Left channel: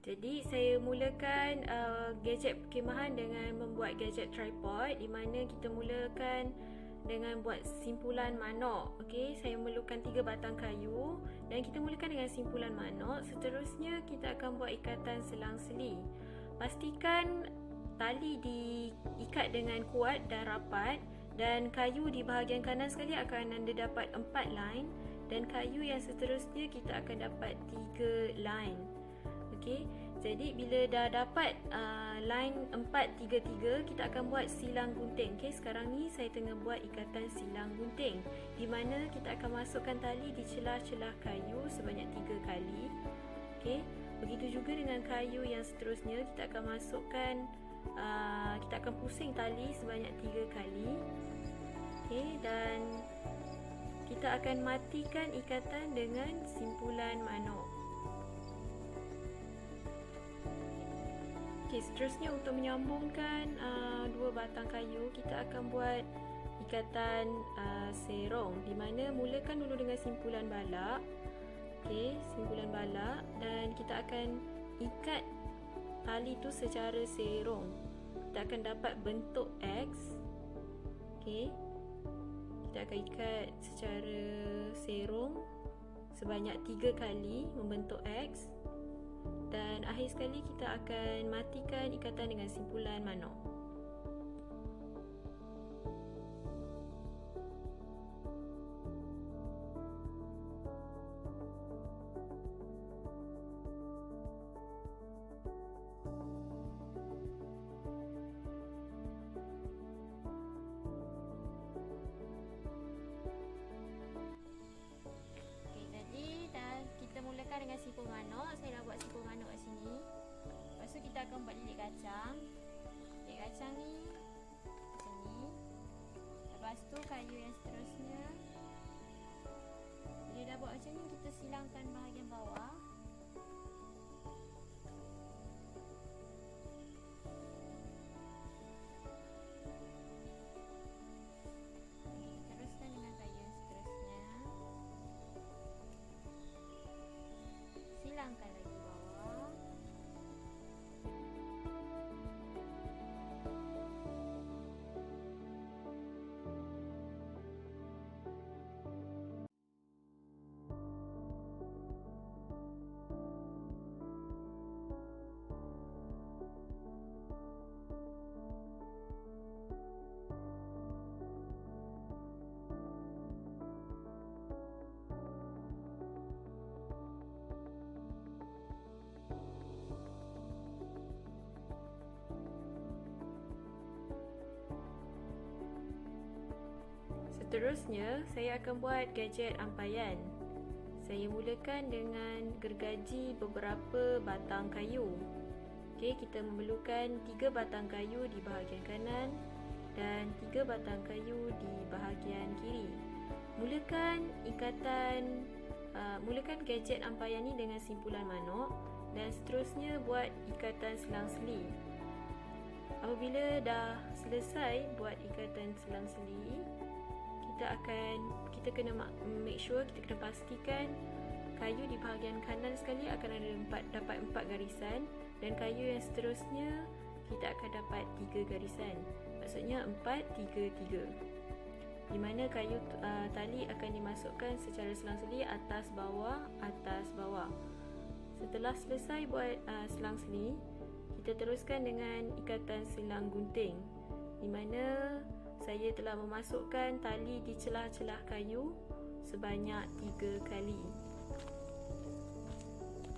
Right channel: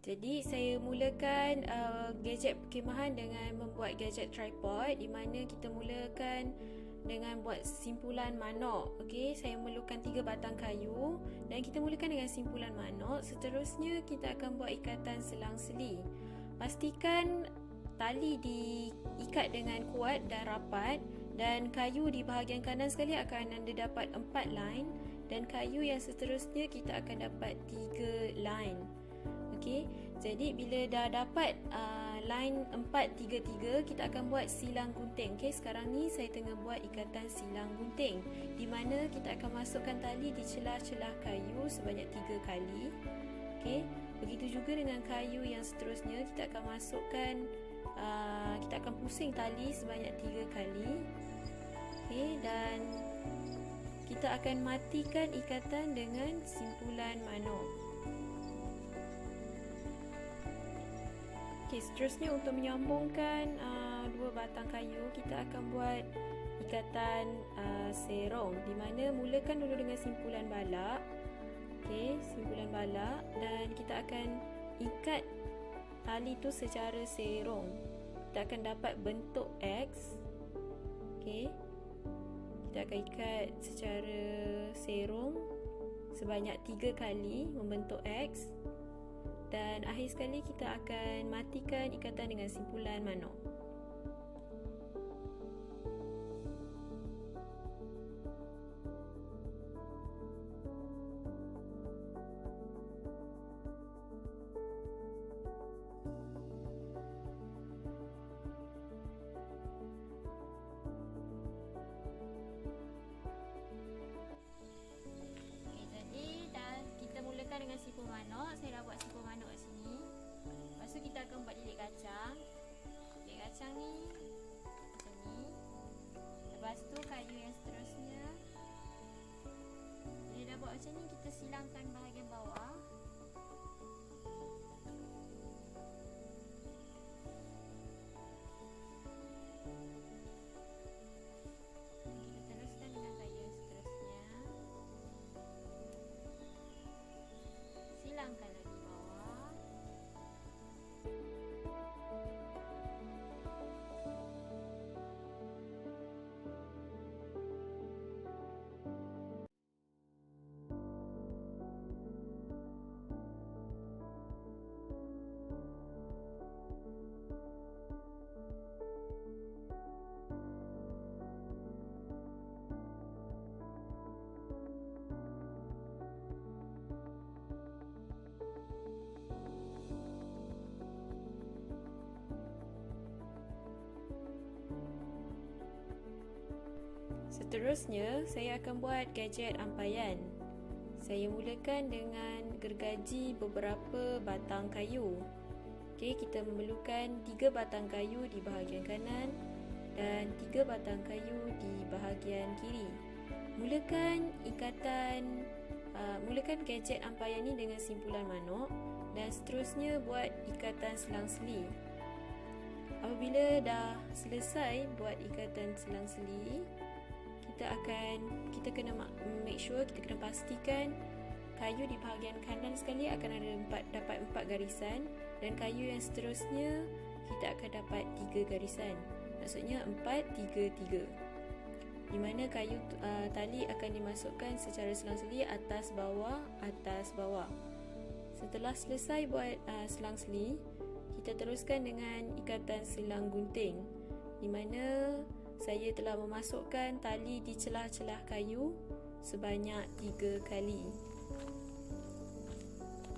Jadi saya mulakan gadget perkhemahan dengan membuat gadget tripod, di mana kita mulakan dengan buat simpulan manok. Okey, saya memerlukan 3 batang kayu dan kita mulakan dengan simpulan manok. Seterusnya kita akan buat ikatan selang-seli. Pastikan tali diikat dengan kuat dan rapat, dan kayu di bahagian kanan sekali akan anda dapat 4 line, dan kayu yang seterusnya kita akan dapat 3 line. Okey, jadi bila dah dapat line 4-3-3, kita akan buat silang gunting. Okey, sekarang ni saya tengah buat ikatan silang gunting, di mana kita akan masukkan tali di celah-celah kayu sebanyak 3 kali. Okey, begitu juga dengan kayu yang seterusnya, kita akan masukkan kita akan pusing tali sebanyak 3 kali. Okey, dan kita akan matikan ikatan dengan simpulan manok. Okey, seterusnya untuk menyambungkan 2 batang kayu, kita akan buat ikatan serong, di mana mulakan dulu dengan simpulan balak. Okey, simpulan balak, dan kita akan ikat tali tu secara serong. Kita akan dapat bentuk X. Okey, kita akan ikat secara serong sebanyak 3 kali membentuk X. Dan akhir sekali kita akan matikan ikatan dengan simpulan manok. Mulakan dengan simpul manok. Saya dah buat simpul manok kat sini. Lepas tu kita akan buat lilit kacang. Lilit kacang ni macam ni. Lepas tu kayu yang seterusnya. Bila dah buat macam ni, kita silangkan bahagian bawah. Silangkan lagi bawah. Seterusnya, saya akan buat gadget ampaian. Saya mulakan dengan gergaji beberapa batang kayu. Okey, kita memerlukan 3 batang kayu di bahagian kanan dan 3 batang kayu di bahagian kiri. Mulakan gadget ampaian ni dengan simpulan manok, dan seterusnya buat ikatan selang-seli. Apabila dah selesai buat ikatan selang-seli, kita kena make sure, kita kena pastikan kayu di bahagian kanan sekali akan dapat 4 garisan, dan kayu yang seterusnya kita akan dapat 3 garisan. Maksudnya 4-3-3, di mana kayu tali akan dimasukkan secara selang-seli atas bawah. Setelah selesai buat selang-seli, kita teruskan dengan ikatan silang gunting, di mana saya telah memasukkan tali di celah-celah kayu sebanyak 3 kali.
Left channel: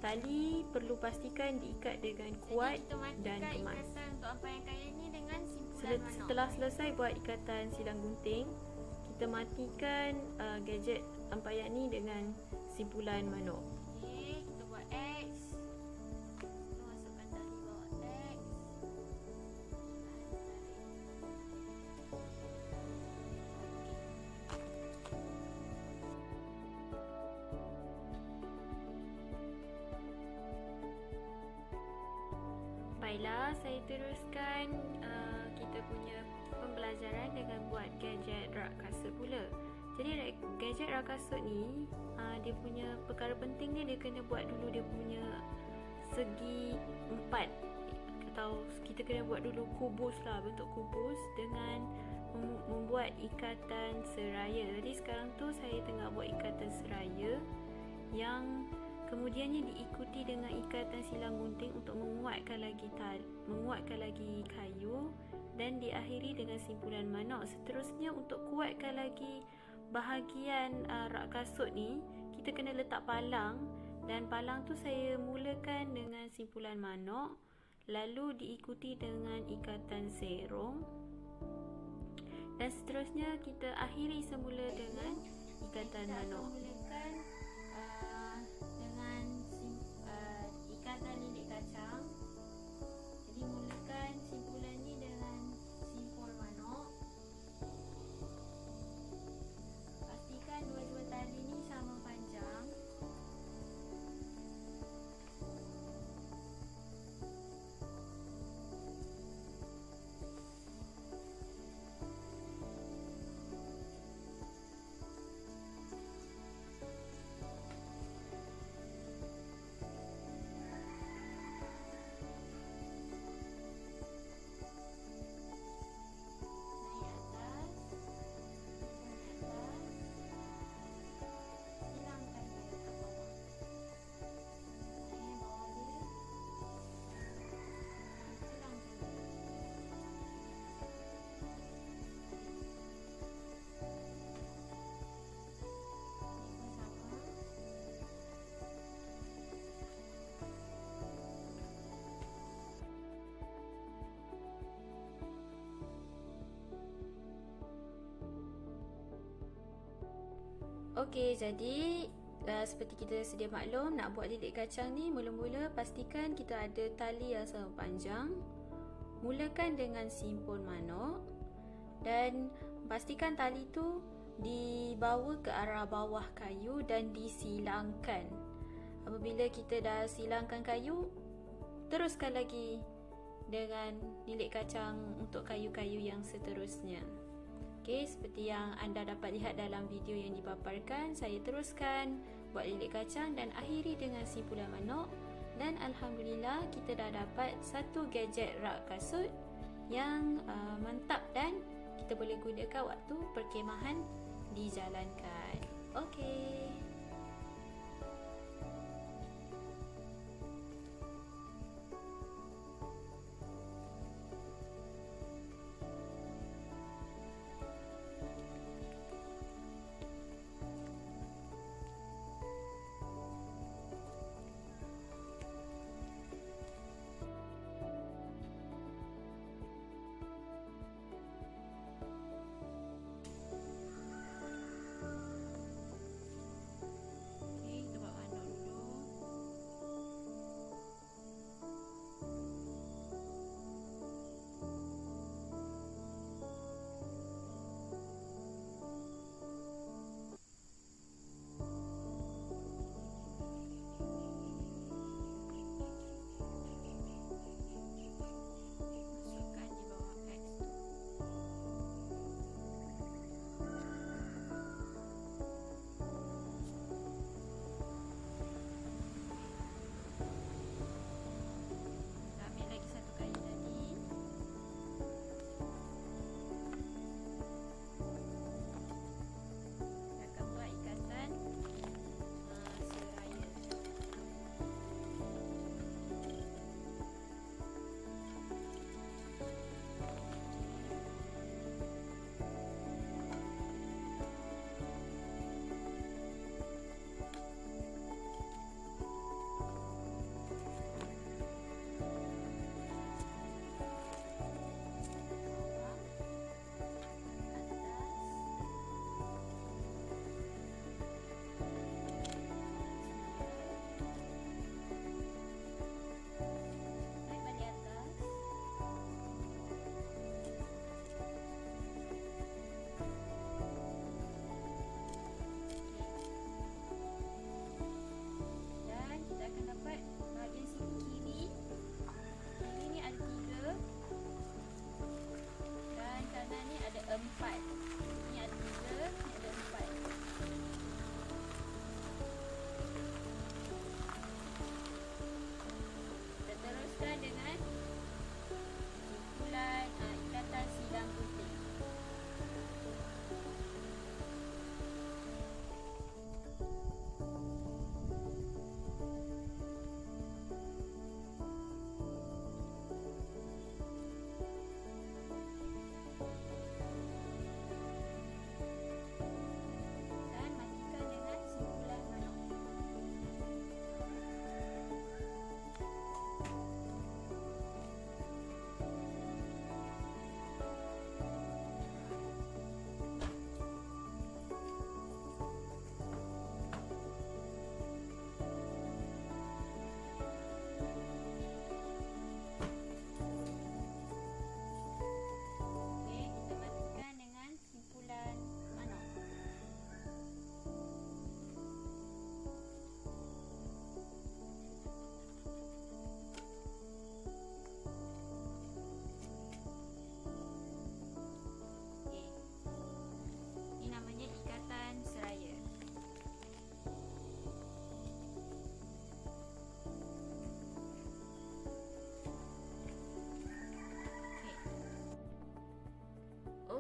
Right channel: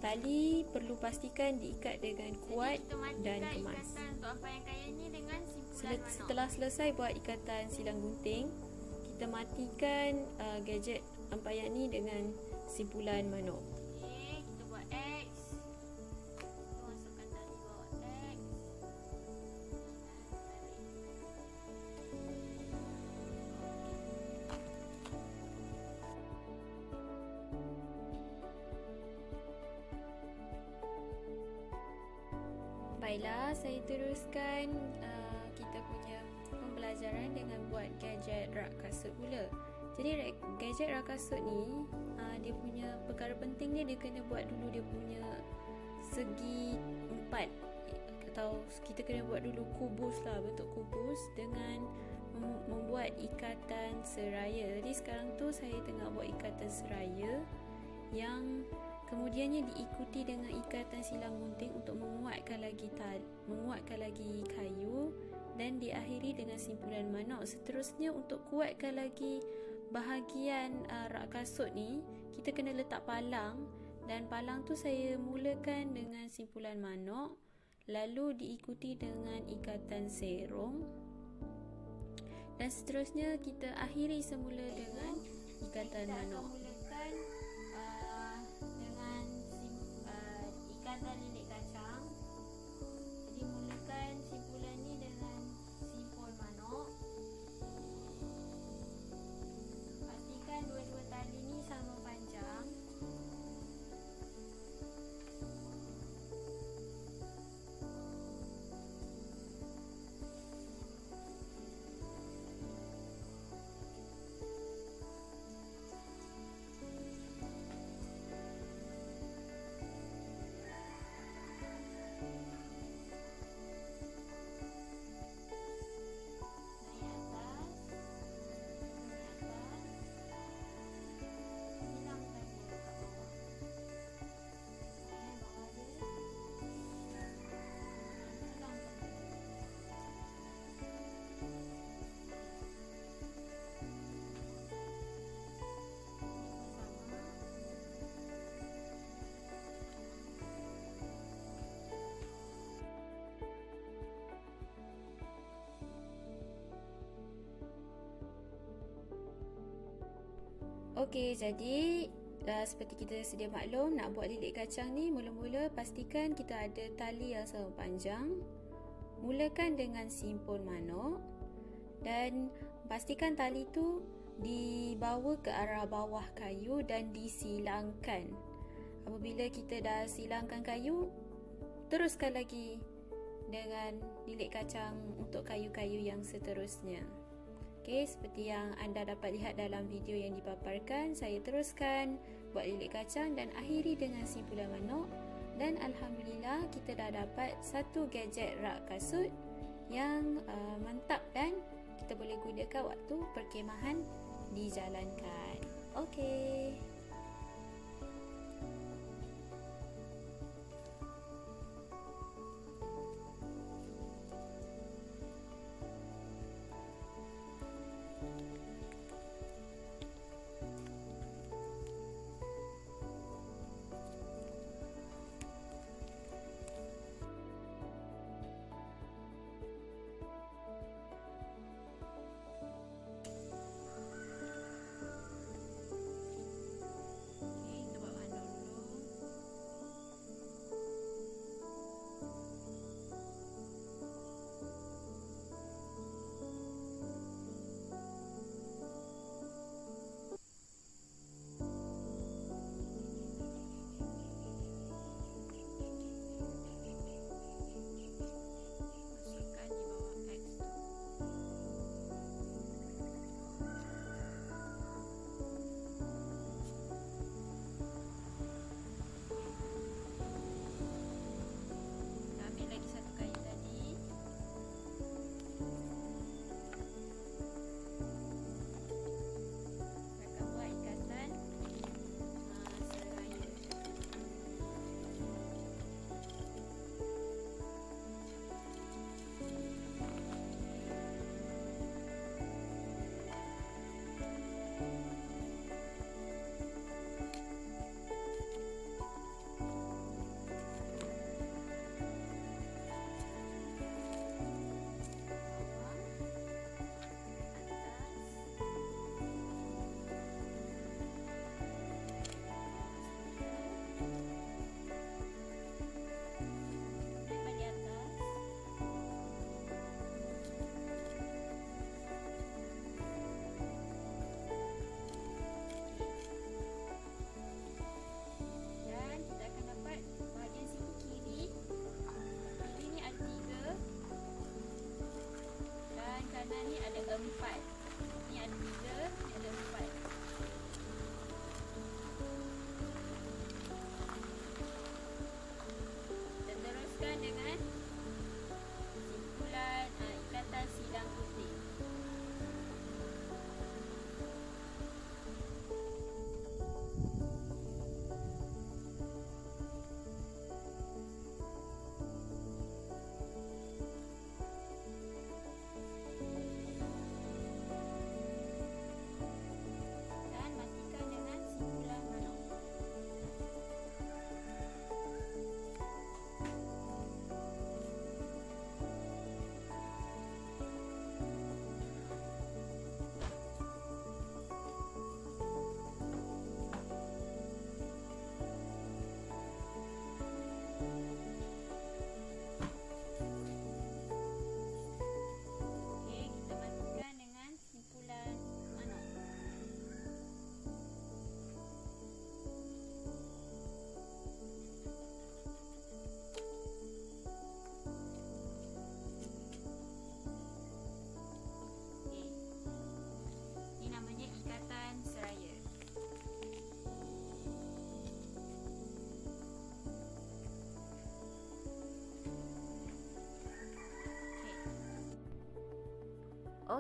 Tali perlu pastikan diikat dengan kuat dan kemas. Setelah selesai buat ikatan silang gunting, kita matikan gadget ampaian ni dengan simpulan manok. Okay, kita buat X. Kita masukkan tali bawah X. Baiklah, saya teruskan kita punya pembelajaran dengan buat gadget rak kasut pula. Jadi gadget rak kasut ni dia punya perkara penting dia kena buat dulu dia punya segi rapat, atau kita kena buat dulu kubus lah, bentuk kubus dengan membuat ikatan seraya. Jadi sekarang tu saya tengah buat ikatan seraya yang kemudiannya diikuti dengan ikatan silang gunting untuk menguatkan lagi kayu, dan diakhiri dengan simpulan manok. Seterusnya untuk kuatkan lagi bahagian rak kasut ni, kita kena letak palang, dan palang tu saya mulakan dengan simpulan manok, lalu diikuti dengan ikatan serong, dan seterusnya kita akhiri semula dengan ikatan manok. Mulakan dengan ikatan lilit kacang. Jadi mulakan simpulan ni dengan simpul manok. Pastikan dua-dua tali ni sama panjang. Okey, jadi seperti kita sedia maklum, nak buat lilit kacang ni, mula-mula pastikan kita ada tali yang sama panjang. Mulakan dengan simpul manok dan pastikan tali tu dibawa ke arah bawah kayu dan disilangkan. Apabila kita dah silangkan kayu, teruskan lagi dengan lilit kacang untuk kayu-kayu yang seterusnya. Okey, seperti yang anda dapat lihat dalam video yang dipaparkan, saya teruskan buat lilit kacang dan akhiri dengan simpulan manok, dan alhamdulillah kita dah dapat satu gadget rak kasut yang mantap dan kita boleh gunakan waktu perkhemahan dijalankan. Okey.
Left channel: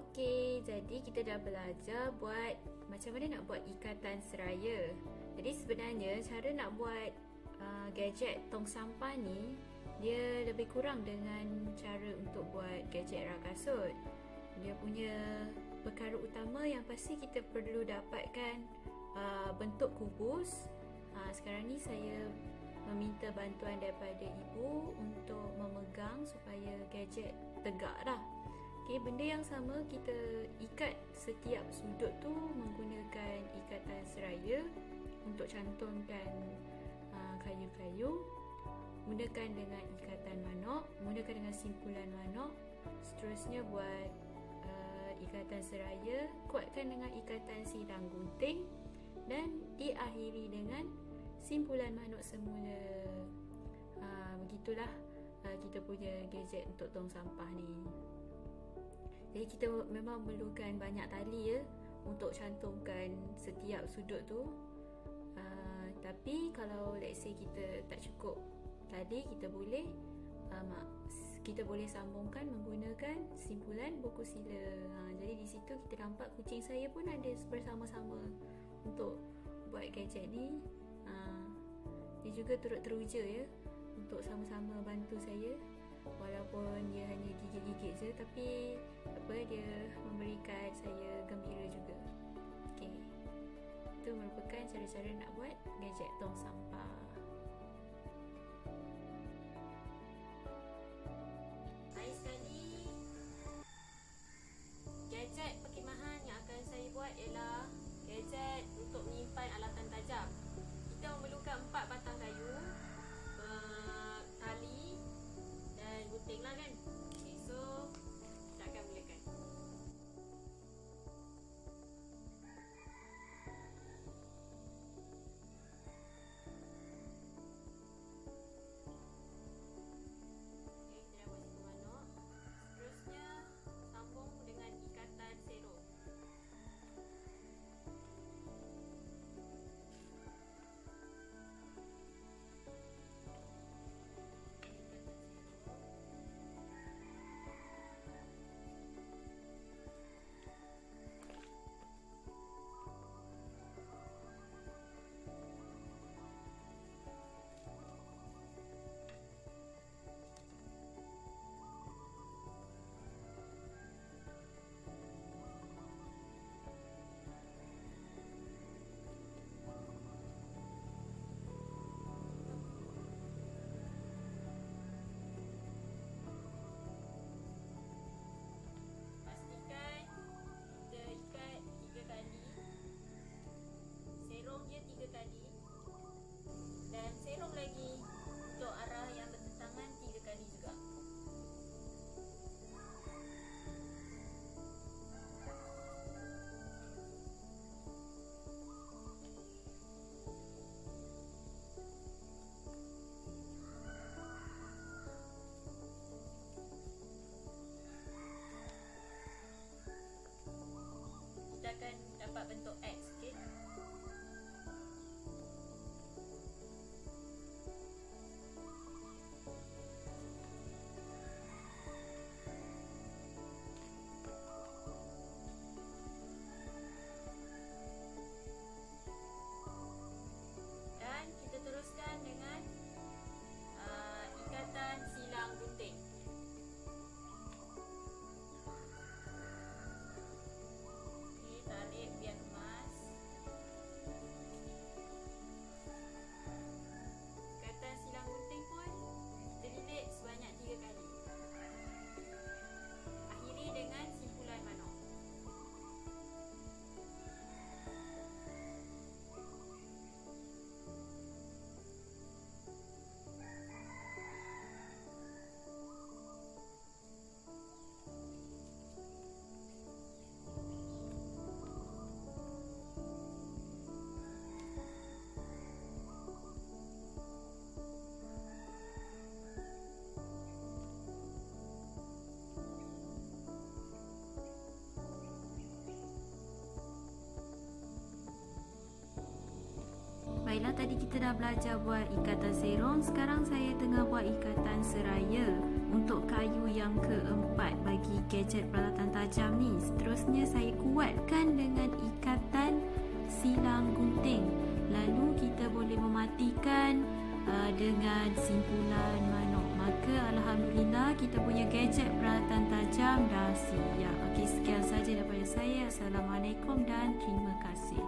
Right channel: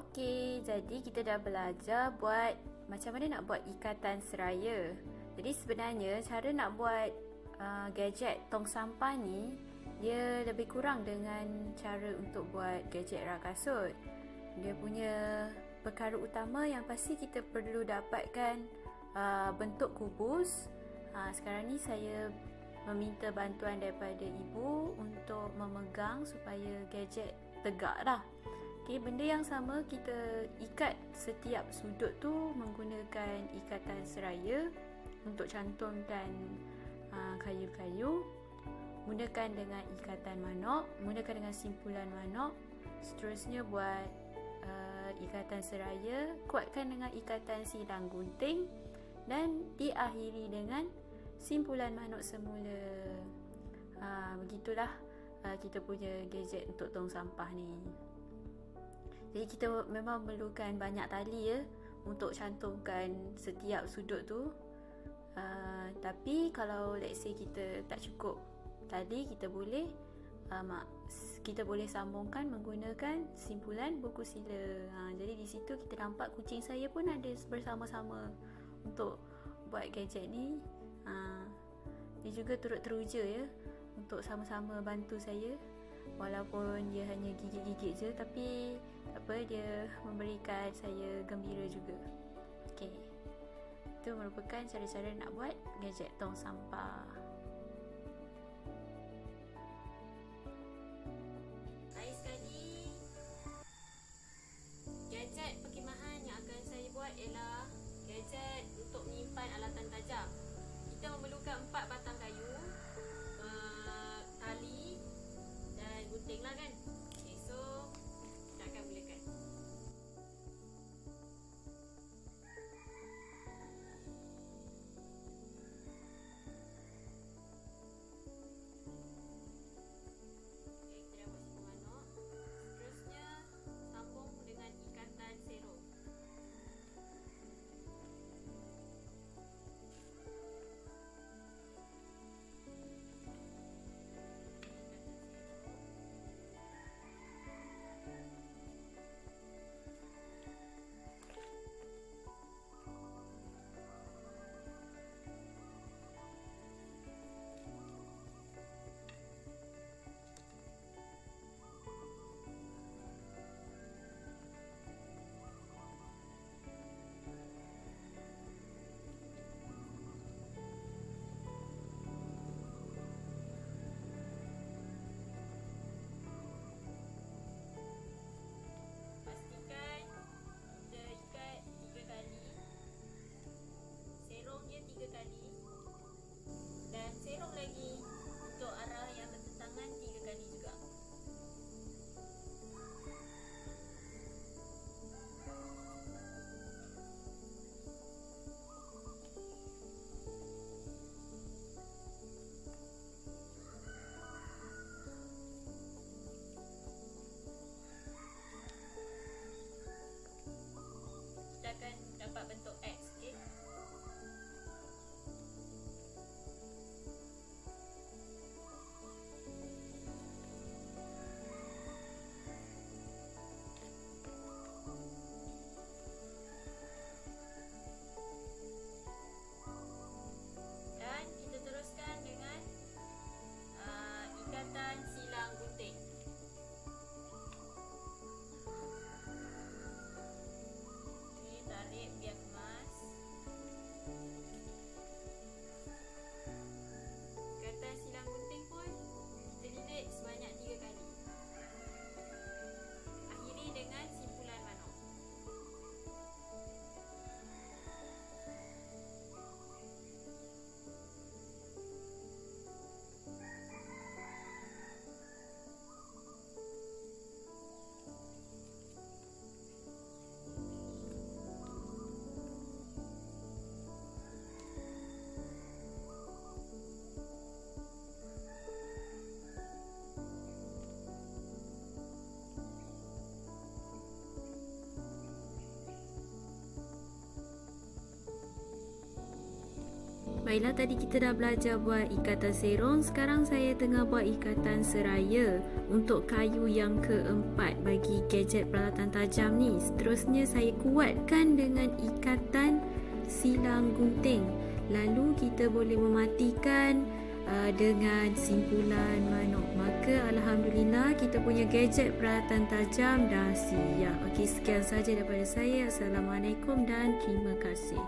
Okey, jadi kita dah belajar buat macam mana nak buat ikatan seraya. Jadi sebenarnya cara nak buat gadget tong sampah ni dia lebih kurang dengan cara untuk buat gadget rak kasut. Dia punya perkara utama yang pasti kita perlu dapatkan bentuk kubus. Sekarang ni saya meminta bantuan daripada ibu untuk memegang supaya gadget tegak dah. Okay, benda yang sama kita ikat setiap sudut tu menggunakan ikatan seraya untuk cantumkan kayu-kayu. Gunakan dengan ikatan manok, gunakan dengan simpulan manok. Seterusnya buat ikatan seraya, kuatkan dengan ikatan silang gunting dan diakhiri dengan simpulan manok semula. Begitulah kita punya gadget untuk tong sampah ni. Jadi kita memang memerlukan banyak tali ya untuk cantumkan setiap sudut tu. Tapi kalau let's say kita tak cukup tali, kita boleh sambungkan menggunakan simpulan buku sila. Jadi di situ kita nampak kucing saya pun ada bersama-sama untuk buat gadget ni. Dia juga turut teruja ya untuk sama-sama bantu saya. Walaupun dia hanya gigit-gigit je, tapi apa, dia memberikan saya gembira juga. Okey. Itu merupakan cara-cara nak buat gadget tong sampah. Lain sekali, gadget perkhemahan yang akan saya buat ialah gadget untuk menyimpan alatan tajam. Kita memerlukan 4 batang kayu, tali dan gunting lah kan. Okay, so kita akan mulakan. Baiklah, tadi kita dah belajar buat ikatan serong. Sekarang saya tengah buat ikatan seraya untuk kayu yang keempat bagi gadget peralatan tajam ni. Seterusnya saya kuatkan dengan ikatan silang gunting. Lalu kita boleh mematikan dengan simpulan manok. Maka alhamdulillah kita punya gadget peralatan tajam dah siap. Okey, sekian saja daripada saya. Assalamualaikum dan terima kasih.